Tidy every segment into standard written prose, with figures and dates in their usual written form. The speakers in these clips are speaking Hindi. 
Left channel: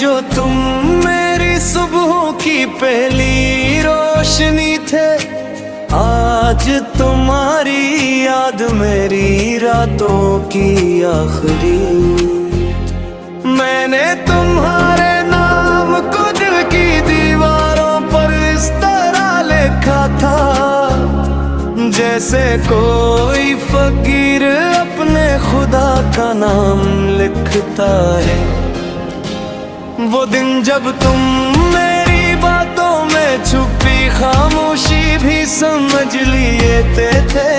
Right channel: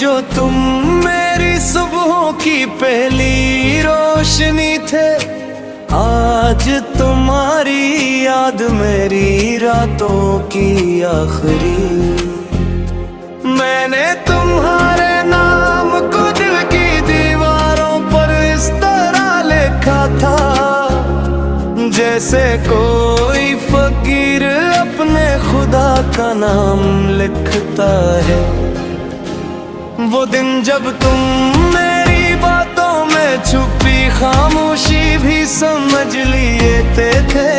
जो तुम मेरी सुबह की पहली रोशनी थे, आज तुम्हारी याद मेरी रातों की आखिरी। मैंने तुम्हारे नाम को दिल की दीवारों पर इस तरह लिखा था, जैसे कोई फकीर अपने खुदा का नाम लिखता है। वो दिन जब तुम मेरी बातों में छुपी खामोशी भी समझ लिए थे,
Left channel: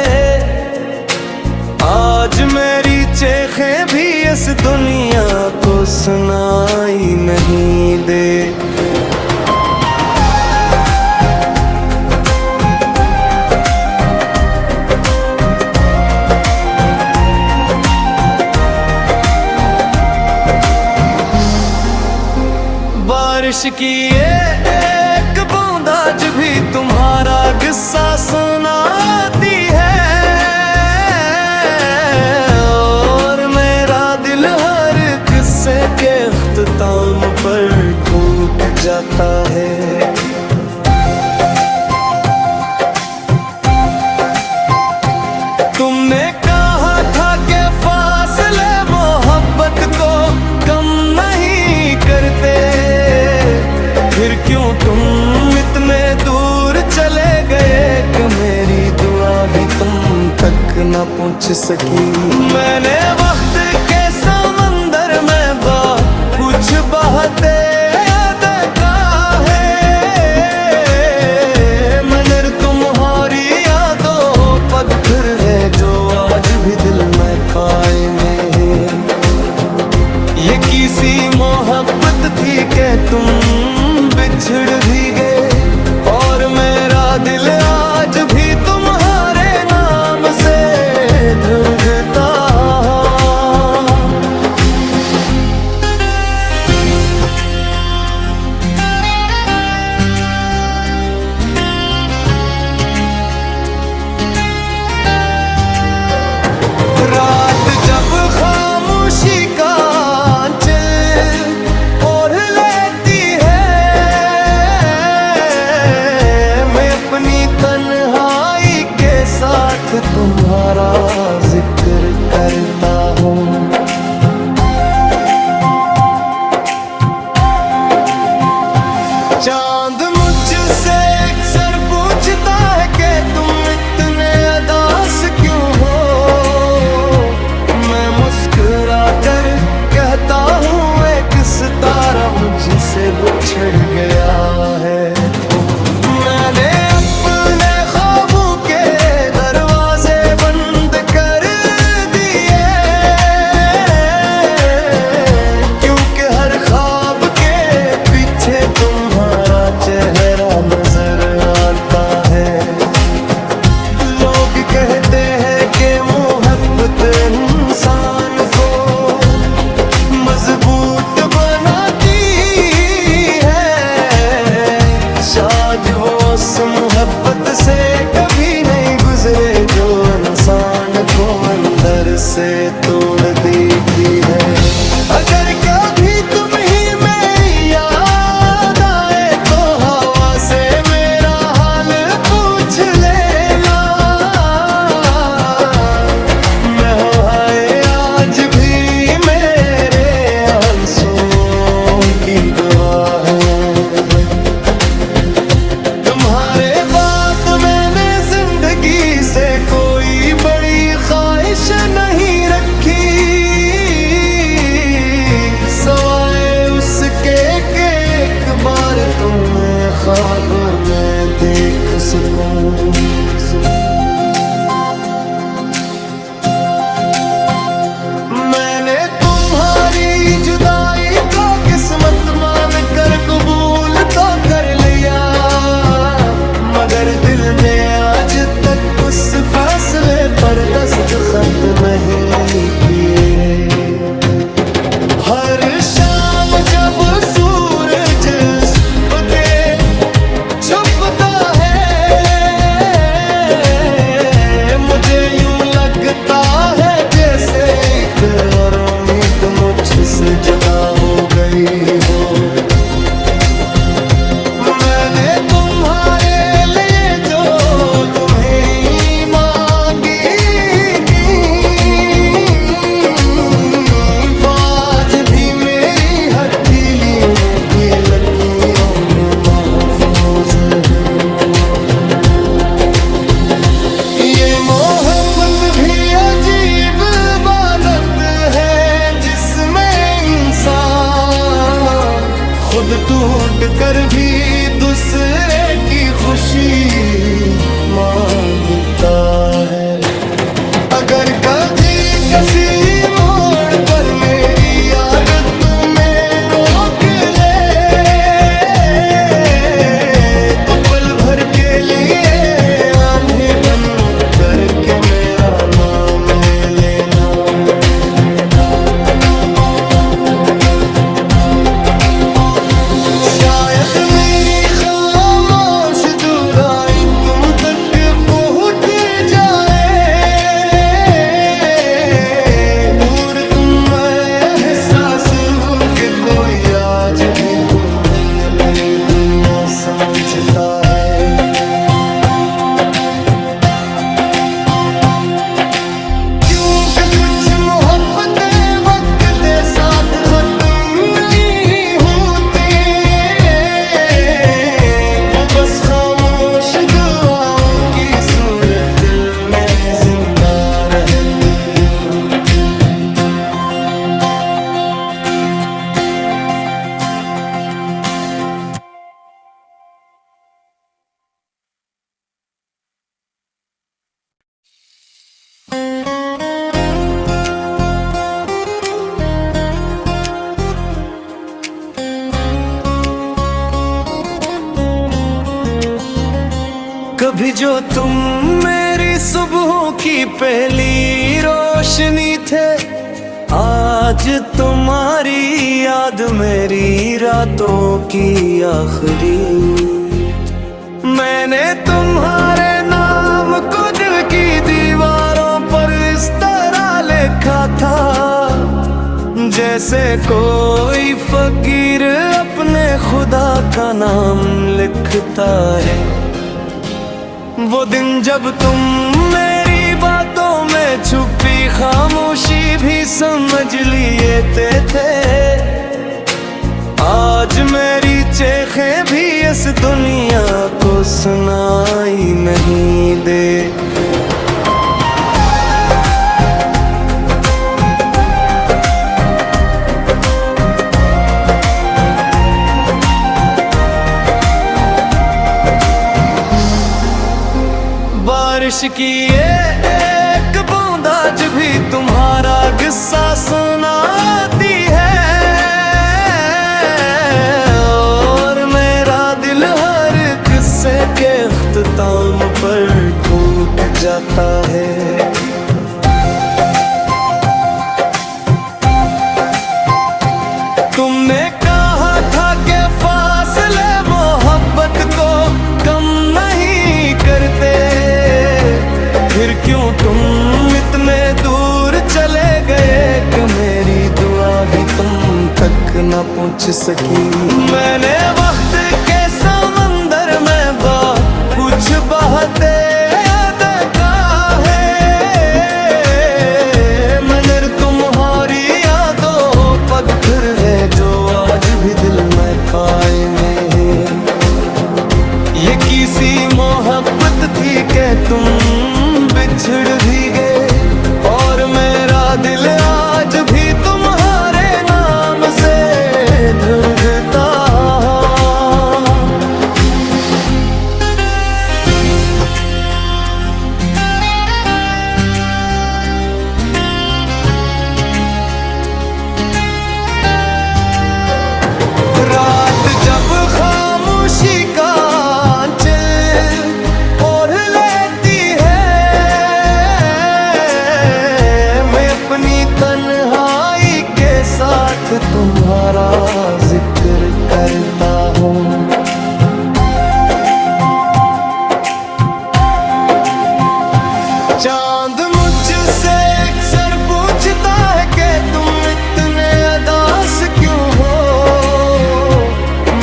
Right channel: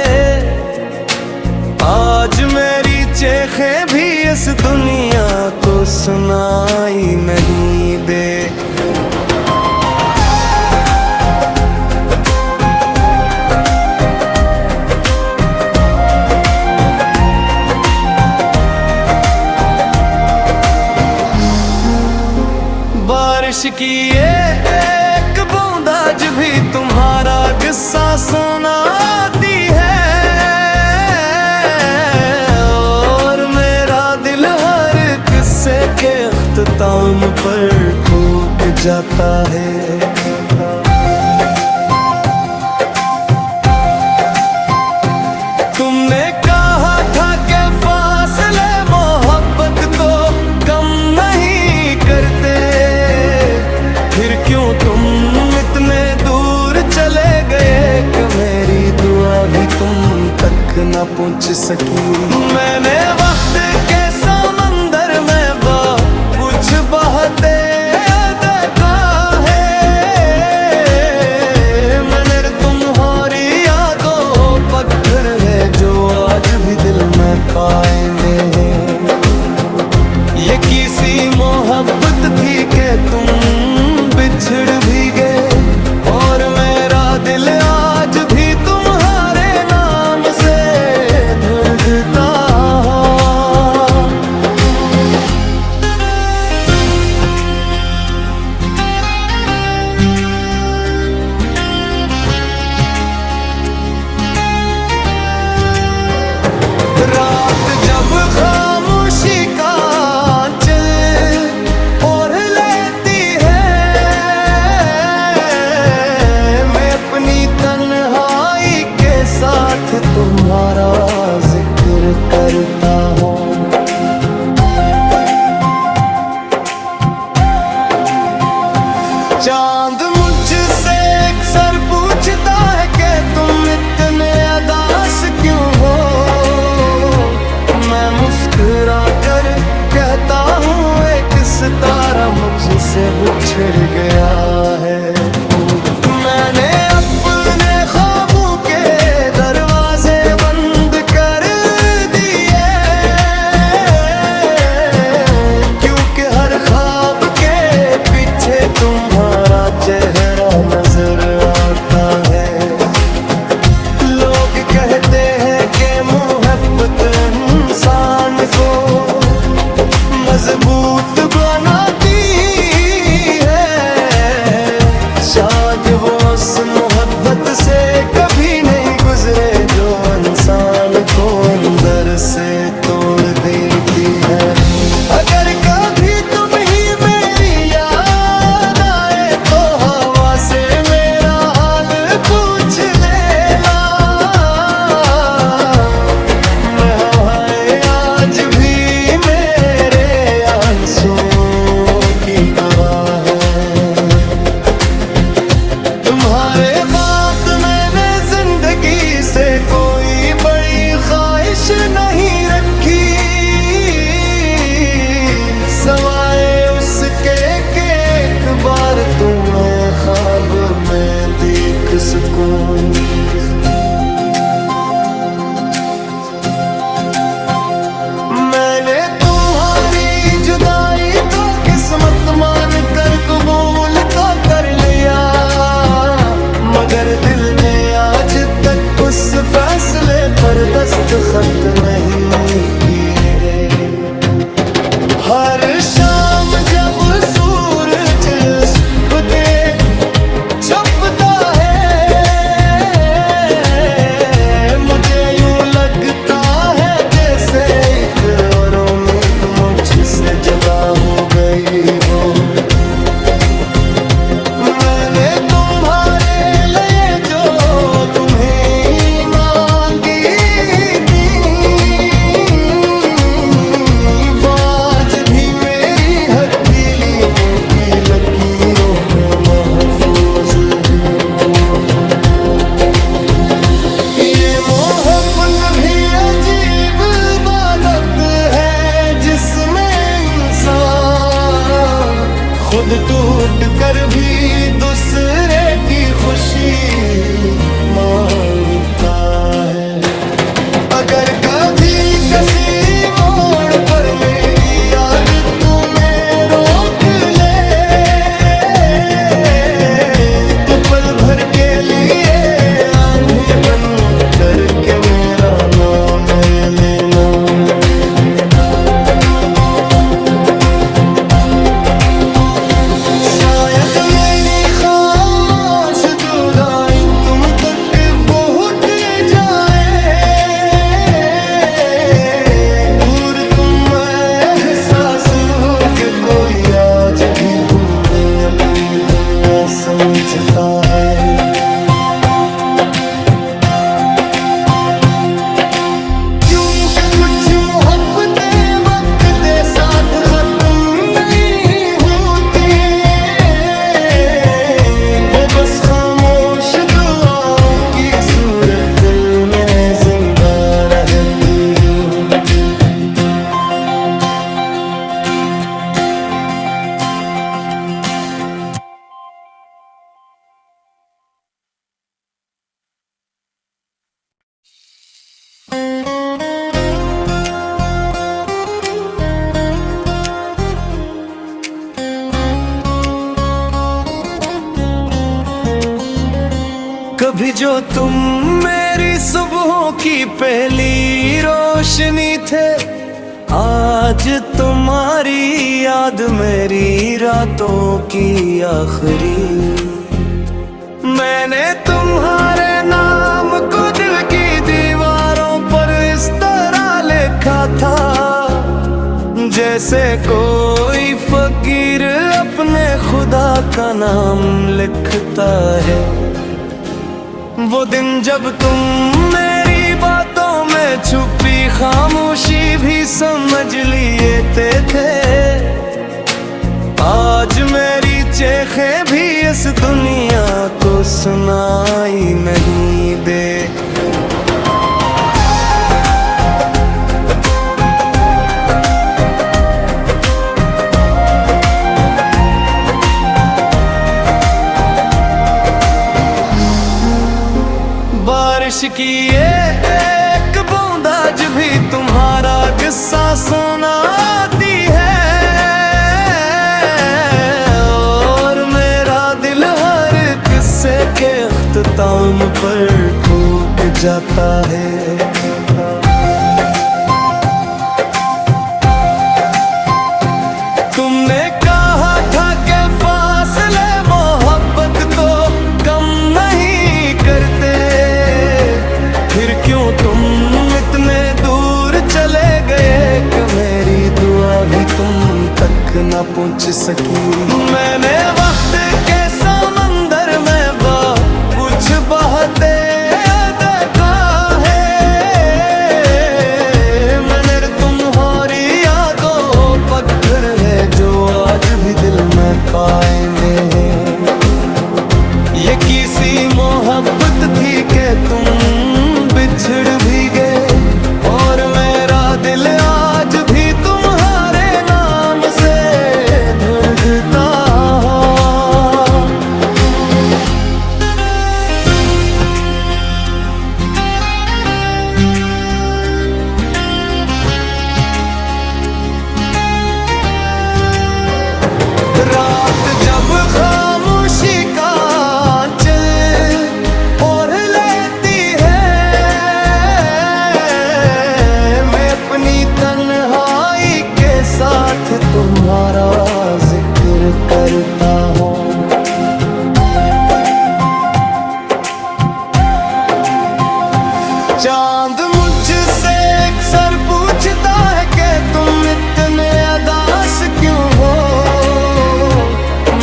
आज मेरी चेखें भी इस दुनिया को सुनाई नहीं दे। बारिश की एक बूंद आज भी तुम्हारा किस्सा सुनाती है, और मेरा दिल हर किस्से के अख्ताम पर ठूक जाता है। तुमने कहा था कि फासले मोहब्बत को कम नहीं करते, फिर क्यों तुम इतने दूर चले गए कि मेरी दुआ भी तुम तक न पहुंच सकी। मैंने वक्त के समंदर में कुछ बहते देखा है, मगर तुम्हारी यादों पत्थर है जो आज भी दिल में कायमे है। ये किसी मोहब्बत थी कि तुम बिछड़ भी गए, और मेरा दिल आज भी तुम्हारे नाम से धड़कता। रात जब खामोशी का आंचल ओढ़ लेती है, मैं अपनी तन्हाई के साथ तुम्हारा जिक्र करता हूँ। चांद मुझसे अक्सर पूछता है कि तुम इतने उदास क्यों हो, मैं मुस्कुरा कर कहता हूँ एक सितारा मुझसे बिछड़ गया है। मैंने अपने ख्वाबों के दरवाजे बंद कर दिए, क्योंकि हर ख्वाब के पीछे तुम्हारा चेहरा नजर आता है। लोग कहते हैं कि मोहब्बत इंसान को मजबूत बनाती है, शायद वो उस मोहब्बत से कभी नहीं गुजरे जो इंसान को अंदर से तोड़ देती है। अगर कभी तुम ही मेरी याद आए तो हवा से मेरा हाल पूछ लेना, मैं हवाएं आज भी मेरे आंसुओं की गवाह है। तुम्हारे बाद मैंने जिंदगी से कोई बड़ी ख्वाहिश नहीं रखी, सवाए उसके कि एक बार तुम्हें ख्वाब में देख सकूं। मैंने तुम्हारी जुदाई तो किस्मत मान कर कबूल तो कर लिया, मगर दिल ने आज तक उस फैसले पर दस्तखत नहीं किए। हर शाम जब सूरज के छुपता है, मुझे यूं लगता है जैसे एक और उम्मीद मुझसे जुदा हो गई हो। खुद टूट कर भी दूसरे की खुशी मांगता है। अगर कभी किसी मोड़ पर मेरी याद तुम्हें रोक ले, तो पल भर के लिए आंधी बन करके मेरा नाम ले लेना। शायद मेरी खामोश जुदाई तुम तक पहुंच जाए, और तुम एहसास हो कि कोई आज भी तुम्हें अपनी दुनिया समझता है। क्योंकि कुछ मोहब्बतें वक्त दे साथ खत्म नहीं होती, वो बस खामोश दुआओं की सूरत दिल में जिंदा रहती है। कभी जो तुम मेरी सुबहों की पहली रोशनी थे, आज तुम्हारी याद मेरी रातों की आखिरी। मैंने तुम्हारे नाम को दिल की दीवारों पर इस तरह लिखा था, जैसे कोई फकीर अपने खुदा का नाम लिखता है। वो दिन जब तुम मेरी बातों में छुपी खामोशी भी समझ लिए थे, आज मेरी चेखें भी इस दुनिया को सुनाई नहीं दे। बारिश की एक बूंद आज भी तुम्हारा किस्सा सुनाती है, और मेरा दिल हर किस्से के अख्ताम पर टूट जाता है। तुमने कहा था कि फासले मोहब्बत को कम नहीं करते, फिर क्यों तुम इतने दूर चले गए कि मेरी दुआ भी तुम तक न पहुंच सकी। मैंने वक्त के समंदर में कुछ बहते देखा है, मगर तुम्हारी यादों पत्थर है जो आज भी दिल में कायमे है। ये किसी मोहब्बत थी कि तुम बिछड़ भी गए, और मेरा दिल आज भी तुम्हारे नाम से धड़कता। रात जब खामोशी का आंचल ओढ़ लेती है, मैं अपनी तन्हाई के साथ तुम्हारा जिक्र करता हूँ। चांद मुझसे अक्सर पूछता है कि तुम इतने उदास क्यों हो,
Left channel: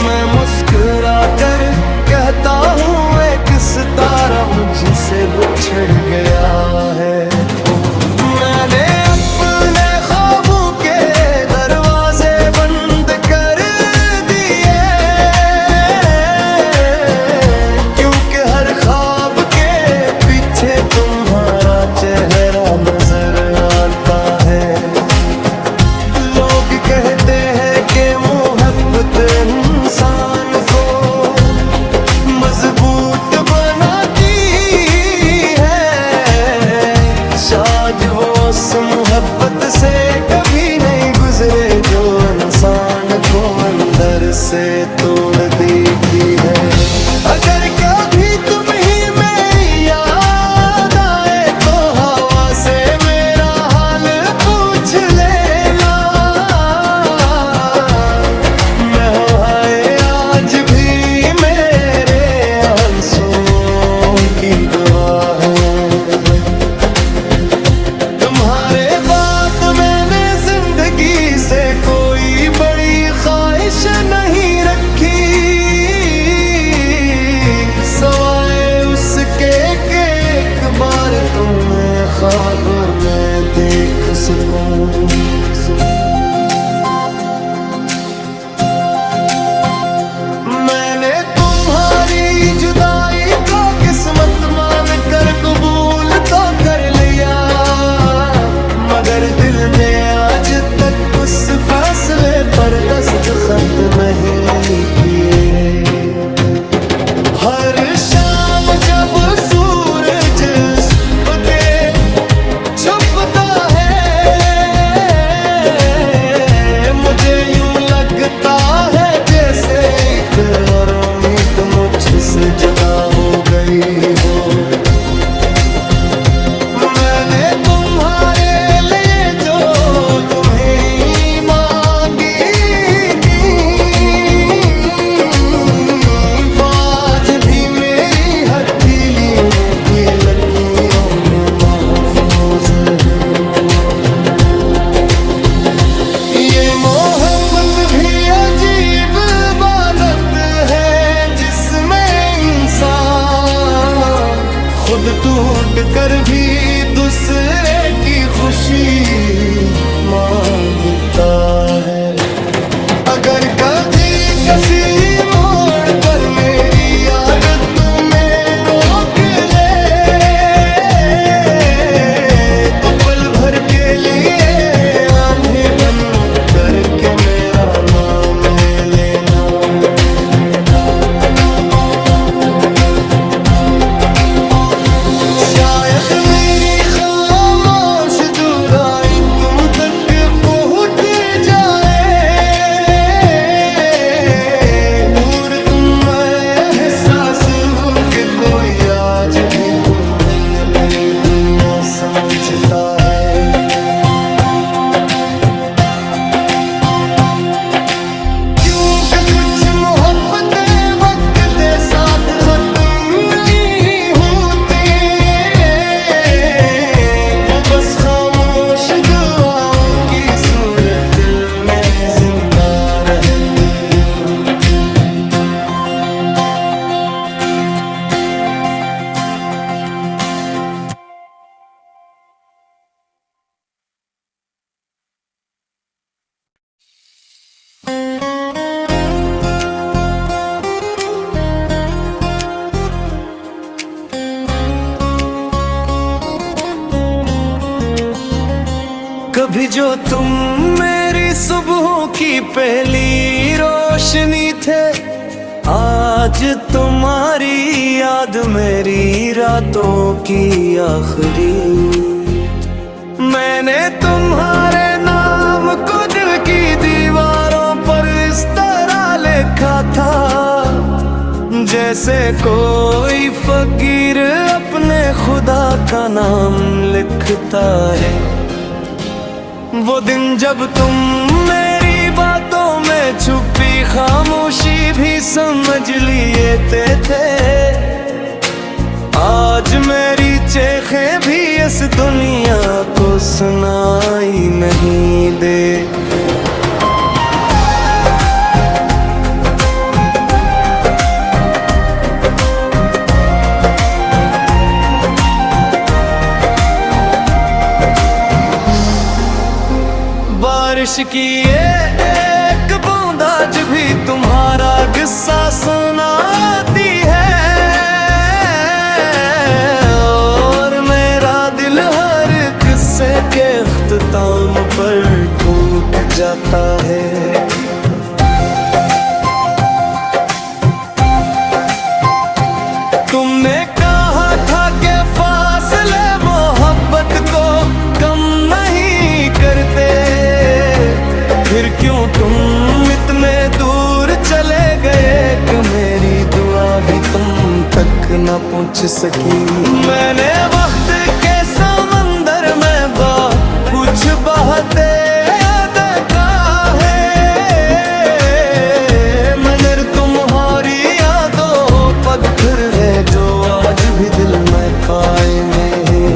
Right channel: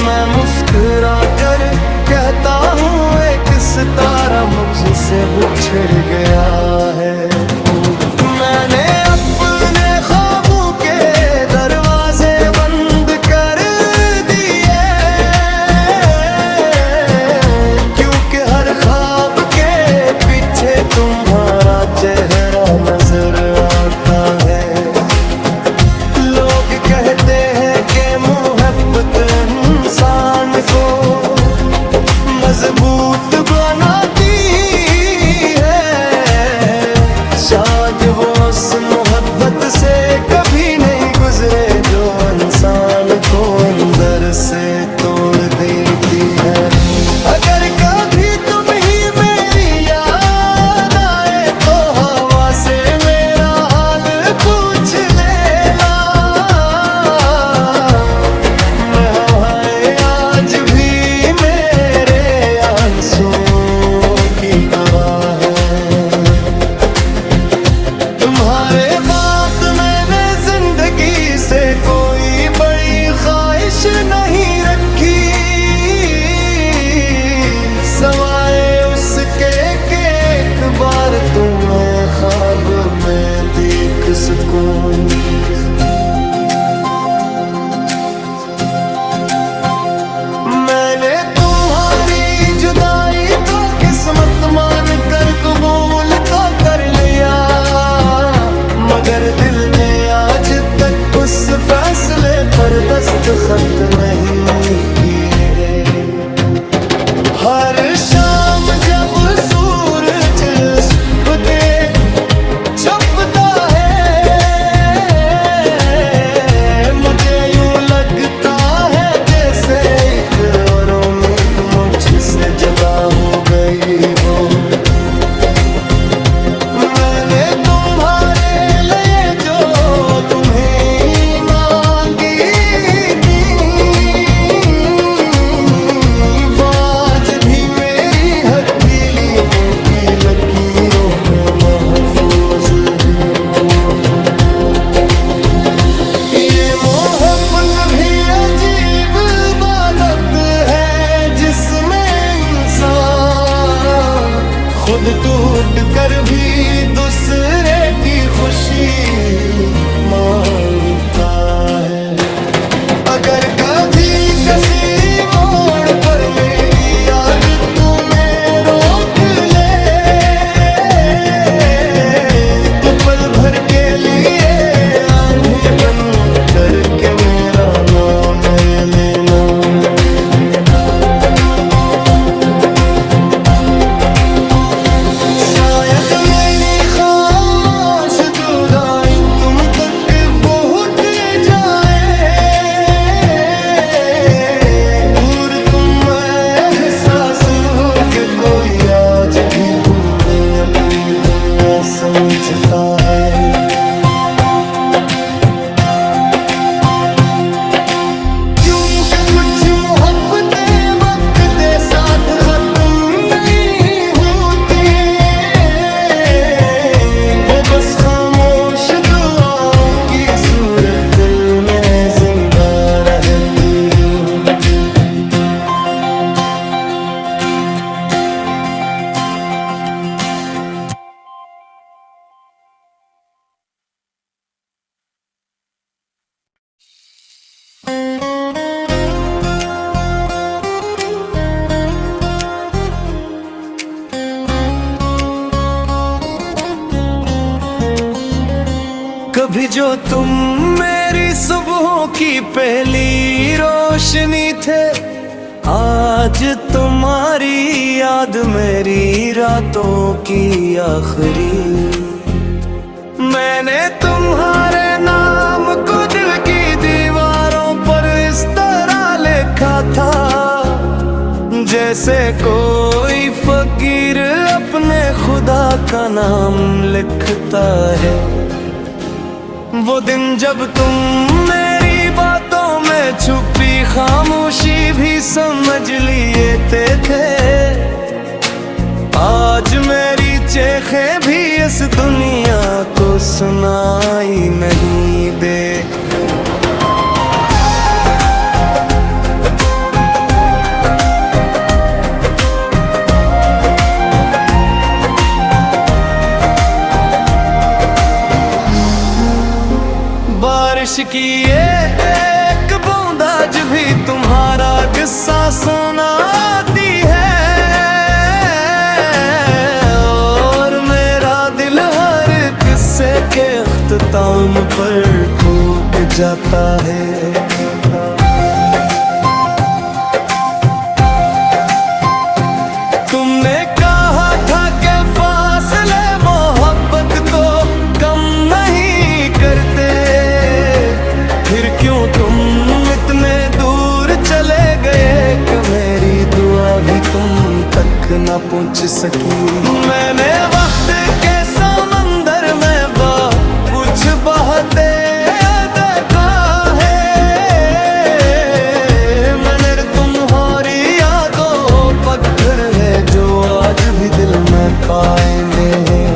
मैं मुस्कुरा कर कहता हूँ एक सितारा मुझसे बिछड़ गया है। मैंने अपने ख्वाबों के दरवाजे बंद कर दिए, क्योंकि हर ख्वाब के पीछे तुम्हारा चेहरा नजर आता है। लोग कहते हैं कि मोहब्बत मजबूत बनाती है। शायद वो उस मोहब्बत से कभी नहीं गुजरे जो इंसान को अंदर से तोड़ देती है। अगर कभी तुम ही मेरी याद आए तो हवा से मेरा हाल पूछ लेना। मैं हवाएं आज भी मेरे आंसुओं की गवाह है। तुम्हारे बात मैंने जिंदगी से कोई बड़ी ख्वाहिश नहीं रखी, सवाए उसके कि एक बार तुम्हें ख्वाब में देख सकूं। मैंने तुम्हारी जुदाई तो किस्मत मान कर कबूल तो कर लिया, मगर दिल ने आज तक उस फैसले पर दस्तखत नहीं किए। हर शाम जब सूरज के छुपता है, मुझे यूं लगता है जैसे एक और उम्मीद मुझसे जुदा हो गई हो। मैंने तुम्हारे लिए जो तुम्हें मांगी थी, वो आज भी मेरी हथेलियों की लकीरों में महफूज है। ये मोहब्बत भी अजीब इबादत है जिसमें इंसान खुद टूट कर भी दूसरे की खुशी मांगता है। अगर कभी किसी मोड़ पर मेरी याद तुम्हें रोक ले तो पल भर के लिए आंधी बन करके मेरा नाम ले लेना। शायद मेरी खामोश जुदाई तुम तक पहुंच जाए और तुम एहसास हो कि कोई आज भी तुम्हें अपनी दुनिया समझता है। कुछ मोहब्बतें वक्त दे साथ खत्म नहीं होते, वो बस खामोश दुआओं की सूरत दिल में जिंदा रहती हूँ। कभी जो तुम मेरी सुबहों की पहली रोशनी थे, आज तुम्हारी याद मेरी रातों की आखिरी। मैंने तुम्हारे नाम को दिल की दीवारों पर इस तरह लिखा था जैसे कोई फकीर अपने खुदा का नाम लिखता है। वो दिन जब तुम मेरी बातों में छुपी खामोशी भी समझ लिए थे, आज मेरी चेखें भी इस दुनिया को सुनाई नहीं दे। बारिश की एक बूंद आज भी तुम्हारा किस्सा सुनाती है, और मेरा दिल हर किस्से के अख्ताम पर ठोक जाता है। तुमने कहा था कि फासले मोहब्बत को कम नहीं करते, फिर क्यों तुम इतने दूर चले गए कि मेरी दुआ भी तुम तक न पहुंच सकी। मैंने वक्त के समंदर में कुछ बहते देखा है, मगर तुम्हारी यादों पत्थर है जो आज भी दिल में कायम है।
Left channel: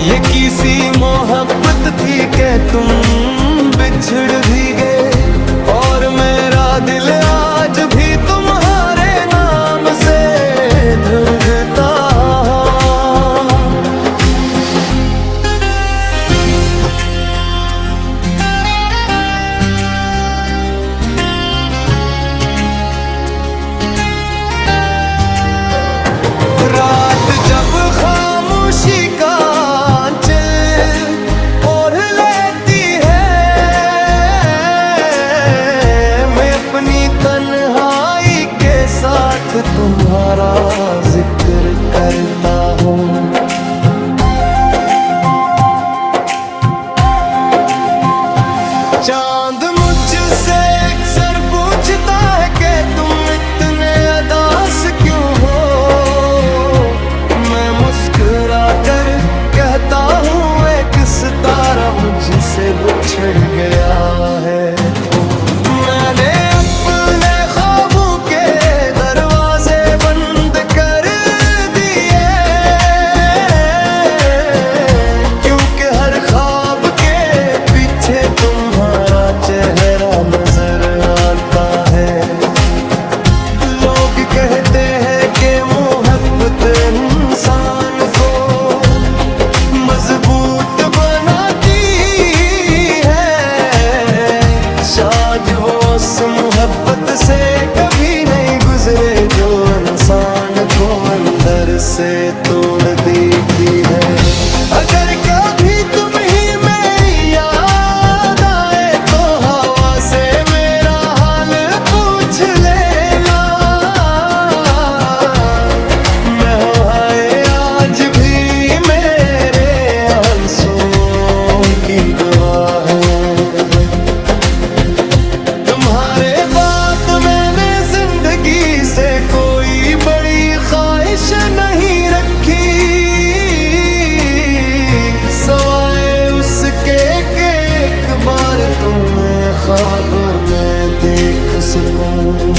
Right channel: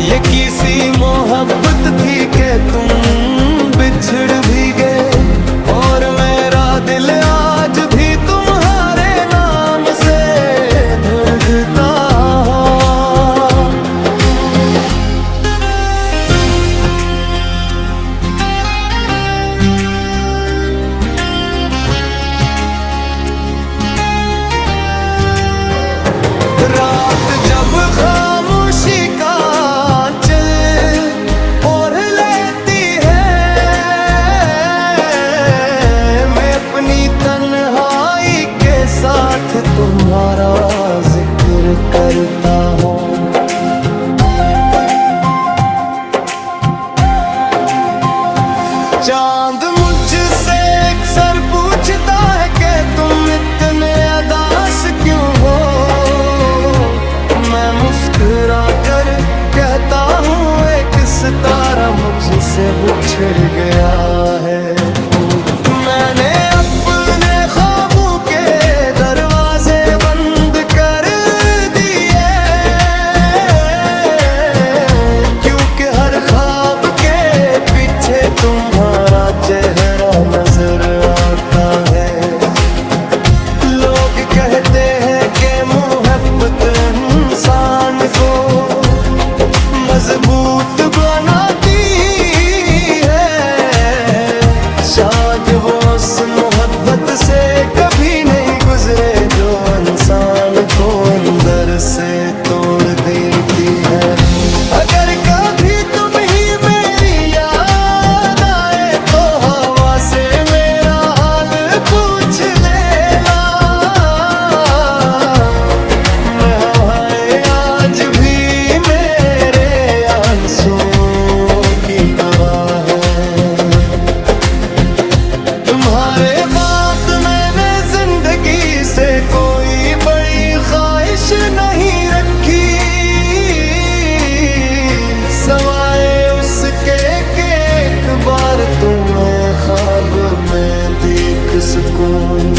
ये किसी मोहब्बत थी कि तुम बिछड़ भी गए, और मेरा दिल आज भी तुम्हारे नाम से धड़कता। रात जब खामोशी का आंचल ओढ़ लेती है, मैं अपनी तन्हाई के साथ तुम्हारा जिक्र करता हूँ। चांद मुझसे अक्सर पूछता है कि तुम इतने उदास क्यों हो, मैं मुस्कुरा कर कहता हूँ एक सितारा मुझसे बिछड़ गया है। मैंने अपने ख्वाबों के दरवाजे बंद कर दिए, क्योंकि हर ख्वाब के पीछे तुम्हारा चेहरा नजर आता है। लोग कहते हैं कि मोहब्बत इंसान को मजबूत बनाती है, शायद वो उस मोहब्बत से कभी नहीं गुजरे जो इंसान को अंदर से तोड़ देती है। अगर कभी तुम ही मेरी याद आए तो हवा से मेरा हाल पूछ लेना, मैं हवाएं आज भी मेरे आंसुओं की गवाह है। तुम्हारे बाद मैंने जिंदगी से कोई बड़ी ख्वाहिश नहीं रखी, सवाए उसके कि एक बार तुम्हें ख्वाब में देख सकूं।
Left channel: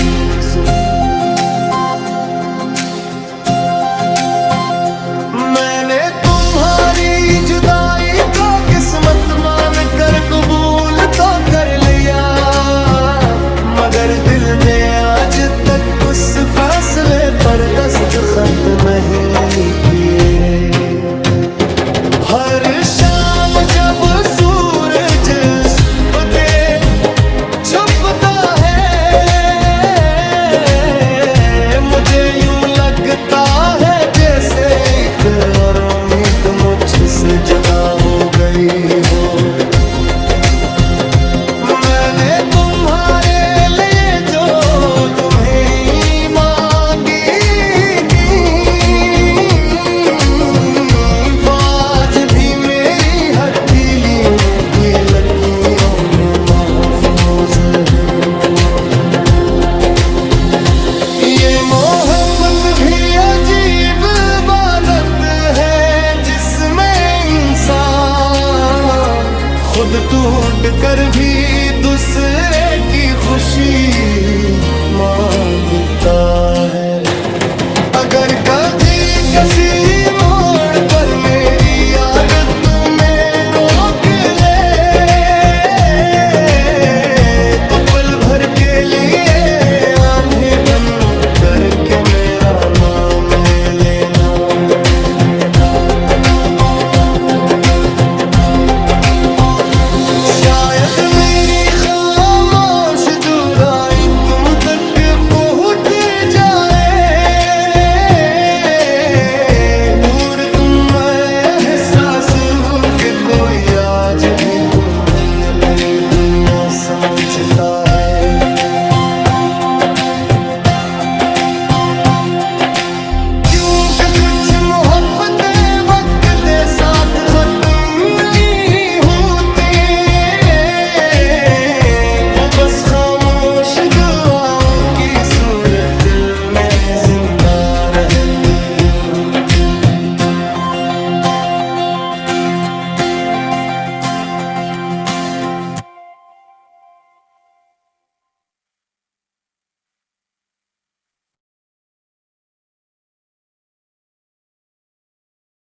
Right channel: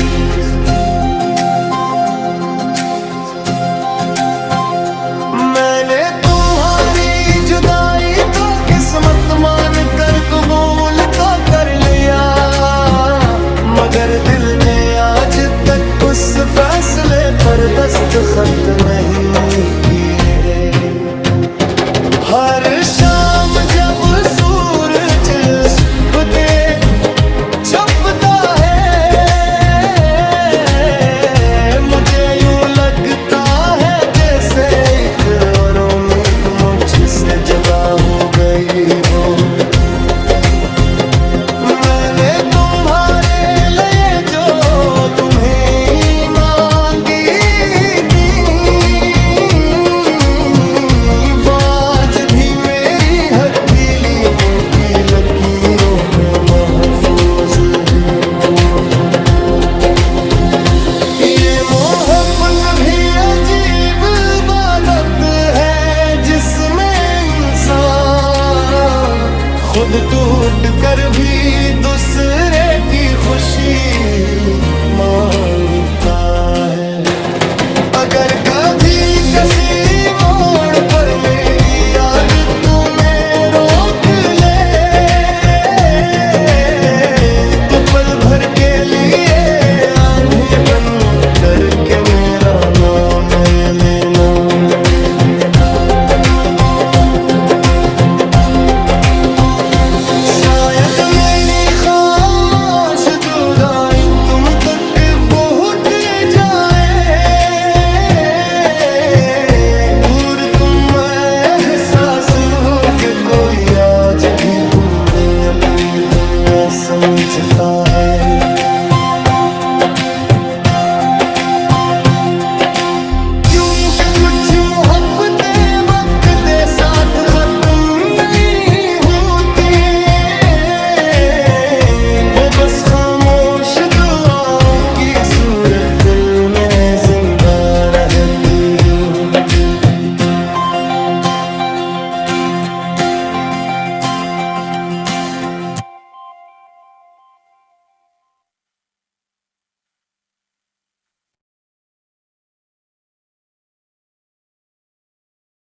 मैंने तुम्हारी जुदाई तो किस्मत मान कर कबूल तो कर लिया, मगर दिल ने आज तक उस फैसले पर दस्तखत नहीं किए। हर शाम जब सूरज के छुपता है, मुझे यूं लगता है जैसे एक और उम्मीद मुझसे जुदा हो गई हो। मैंने तुम्हारे लिए जो तुम्हें मांगी थी, आज भी मेरी हथेलियों की लकीरों में महफूज है। ये मोहब्बत भी अजीब इबादत है जिसमें इंसान खुद टूट कर भी दूसरे की खुशी मांगता है। अगर कभी किसी मोड़ पर मेरी याद तुम्हें रोक ले, तो पल भर के लिए आंधी बन करके मेरा नाम लेना। शायद मेरी खामोश जुदाई तुम तक पहुंच जाए, और तुम एहसास हो कि कोई आज भी तुम्हें अपनी दुनिया समझता है। कुछ मोहब्बतें वक्त दे साथ खत्म नहीं होते, वो बस खामोश दुआओं की सूरत दिल में जिंदा रहती हूँ।